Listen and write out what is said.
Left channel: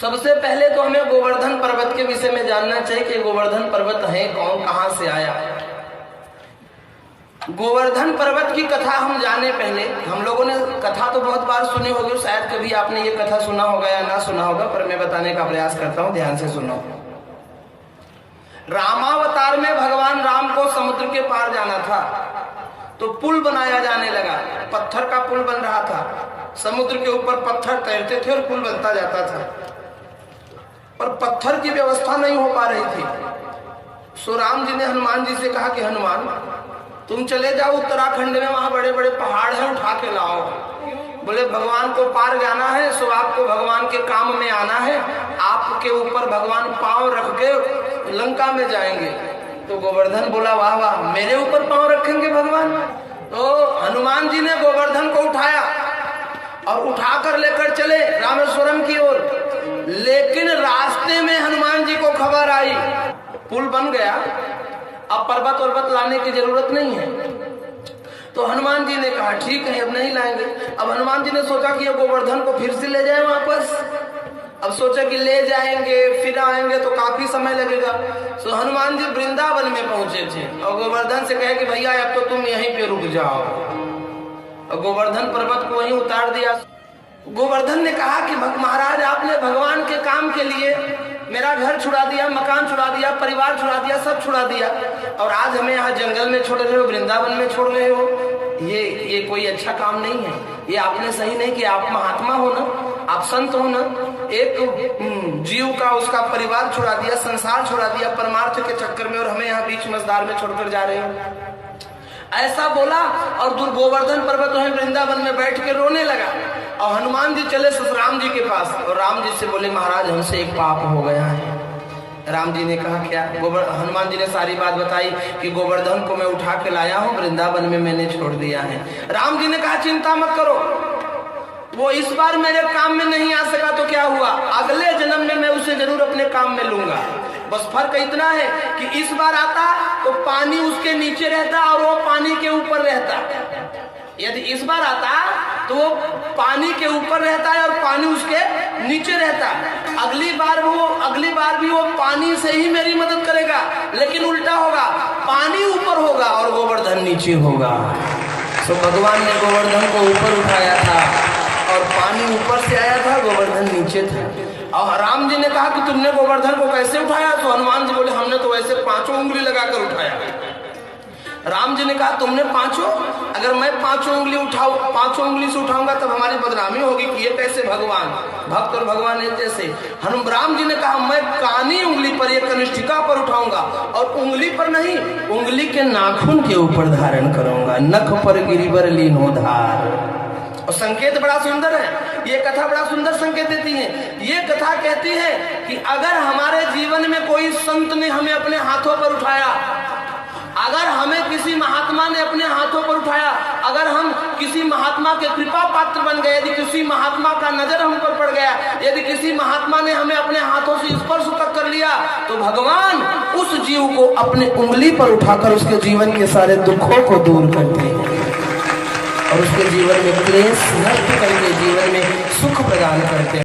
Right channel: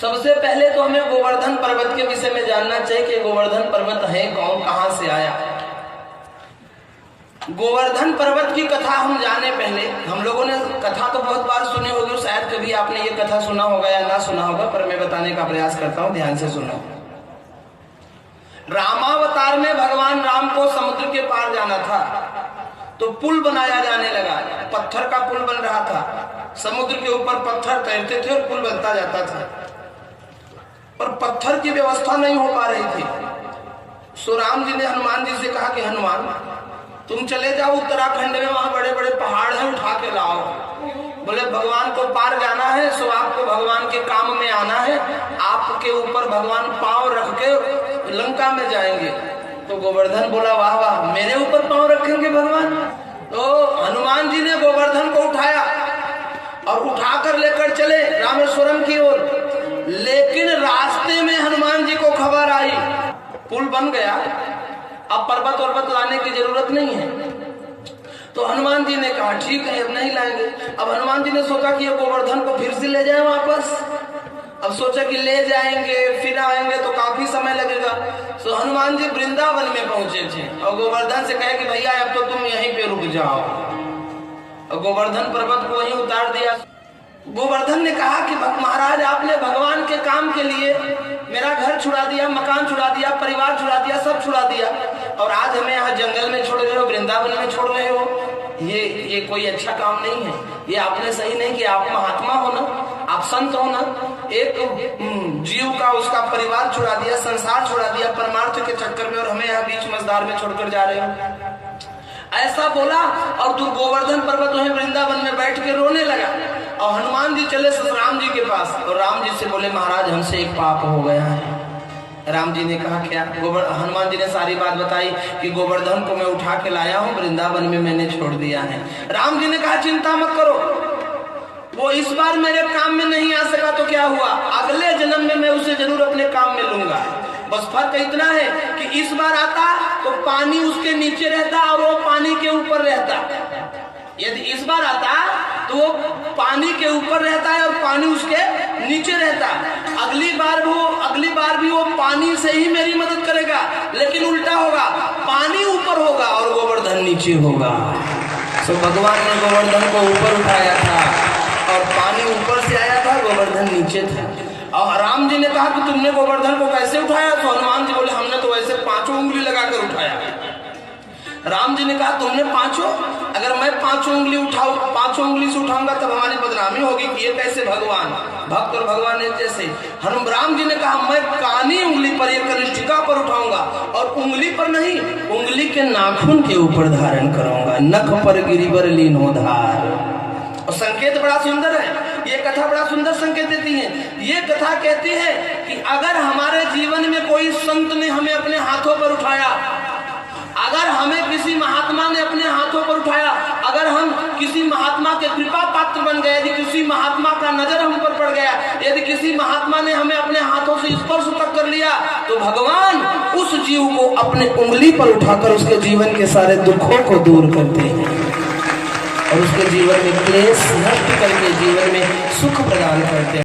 सबसे पहले तो हमें गोवर्धन पर्वत के विषय में जानना चाहिए कि गोवर्धन पर्वत है कौन, कहां से आया। गोवर्धन पर्वत की कथा हम जाने पहले, हम लोगों ने कथा तो बहुत बार सुनी होगी, शायद कभी आपने ये कथा सुना होगा या ना सुना होगा, पर मैं बताने का प्रयास करता हूं, ध्यान से सुनो। रामावतार में भगवान राम को समुद्र के पार जाना था, तो पुल बनाया जाने लगा। पत्थर का पुल बन रहा था, समुद्र के ऊपर पत्थर तैरते थे और पुल बनता जाता था, पर पत्थर की व्यवस्था नहीं हो पा रही थी। सो राम जी ने हनुमान जी से कहा कि हनुमान, तुम चले जाओ उत्तराखंड में, वहां बड़े बड़े पहाड़ हैं, उठा के लाओ। बोले भगवान को पार जाना है, सो आपको भगवान के काम में आना है, आपके ऊपर भगवान पांव रख के लंका में जाएंगे। तो गोवर्धन बोला वाह वाह, मेरे ऊपर पांव रखेंगे भगवान। तो हनुमान जी ने गोवर्धन को उठाया और उठाकर लेकर चले रामेश्वरम की ओर। लेकिन रास्ते में हनुमान जी को खबर आई पुल बन गया, अब पर्वत वर्वत लाने की जरूरत नहीं है। तो हनुमान जी ने कहा ठीक है, अब नहीं लाएंगे। अब हनुमान जी ने सोचा कि गोवर्धन को फिर से ले जाए वापस। अब सोचा कि ले जाएंगे फिर आएंगे तो काफी समय लगेगा। तो हनुमान जी वृंदावन में पहुंचे थे और गोवर्धन से कहे कि भैया अब तो तुम यहीं पे रुक जाओ, और गोवर्धन पर्वत को वहीं उतार दिया। गोवर्धन ने कहा कि महाराज, आपने भगवान के काम के लिए मेरा घर छुड़ा दिया, मकान छुड़ा दिया, परिवार छुड़ा दिया, सब छुड़ा दिया, और आज हमें यहाँ जंगल में छोड़ रहे हो, वृंदावन में छोड़ रहे हो। ये कोई अच्छा काम नहीं है, ये आपने सही नहीं किया। आप महात्मा हो ना, आप संत हो ना, एक जीव का उसका परिवार छुड़ा दिया, संसार छुड़ा दिया परमार्थ के चक्कर में, और हमें यहाँ बीच मझधार में छोड़कर जा रहे हो। ऐसा बोला और गोवर्धन पर्वत में वृंदावन में बैठ के रोने लगा। और हनुमान जी चले राम जी के पास और राम जी से बोले महाराज, हमसे एक पाप हो गया है। राम जी ने कहा क्या? हनुमान जी ने सारी बात बताई कि गोवर्धन को मैं उठा के लाया हूँ, वृंदावन में मैंने छोड़ दिया है। राम जी ने कहा चिंता मत करो, वो इस बार मेरे काम में नहीं आ सका तो क्या हुआ, अगले जन्म में मैं उसे जरूर अपने काम में लूंगा। बस फर्क इतना है कि इस बार आता तो पानी उसके नीचे रहता और वो पानी के ऊपर रहता। यदि इस बार आता तो वो पानी के ऊपर रहता है और पानी उसके नीचे रहता। अगली बार भी वो पानी से ही मेरी मदद करेगा, लेकिन उल्टा होगा, पानी ऊपर होगा और गोवर्धन नीचे होगा। तो भगवान ने गोवर्धन को ऊपर उठाया था और पानी ऊपर से आया था, गोवर्धन नीचे था। और राम जी ने कहा कि तुमने गोवर्धन को कैसे उठाया? तो हनुमान जी बोले हमने तो वैसे 5 उंगली लगाकर उठाया। राम जी ने कहा तुमने 5, अगर मैं 5 उंगली से उठाऊंगा तब हमारी बदनामी होगी कि ये कैसे भगवान, भक्त और भगवान एक जैसे। राम जी ने कहा मैं कानी उंगली पर, एक कनिष्ठिका पर उठाऊंगा, और उंगली पर नहीं, उंगली के नाखून के ऊपर धारण करूंगा, नख पर गिरिवर लीनो धार। और संकेत बड़ा सुंदर है, ये कथा बड़ा सुंदर संकेत देती है। ये कथा कहती है कि अगर हमारे जीवन में कोई संत ने हमें अपने हाथों पर उठाया, अगर हमें किसी महात्मा ने अपने हाथों पर उठाया, अगर हम किसी महात्मा के कृपा पात्र बन गए, यदि किसी महात्मा का नजर हम पर पड़ गया, यदि किसी महात्मा ने हमें अपने हाथों से स्पर्श तक कर लिया, तो भगवान उस जीव को अपने उंगली पर उठाकर उसके जीवन के सारे दुखों को दूर करते हैं और उसके जीवन में क्लेश नष्ट करके जीवन में सुख प्रदान करते हैं।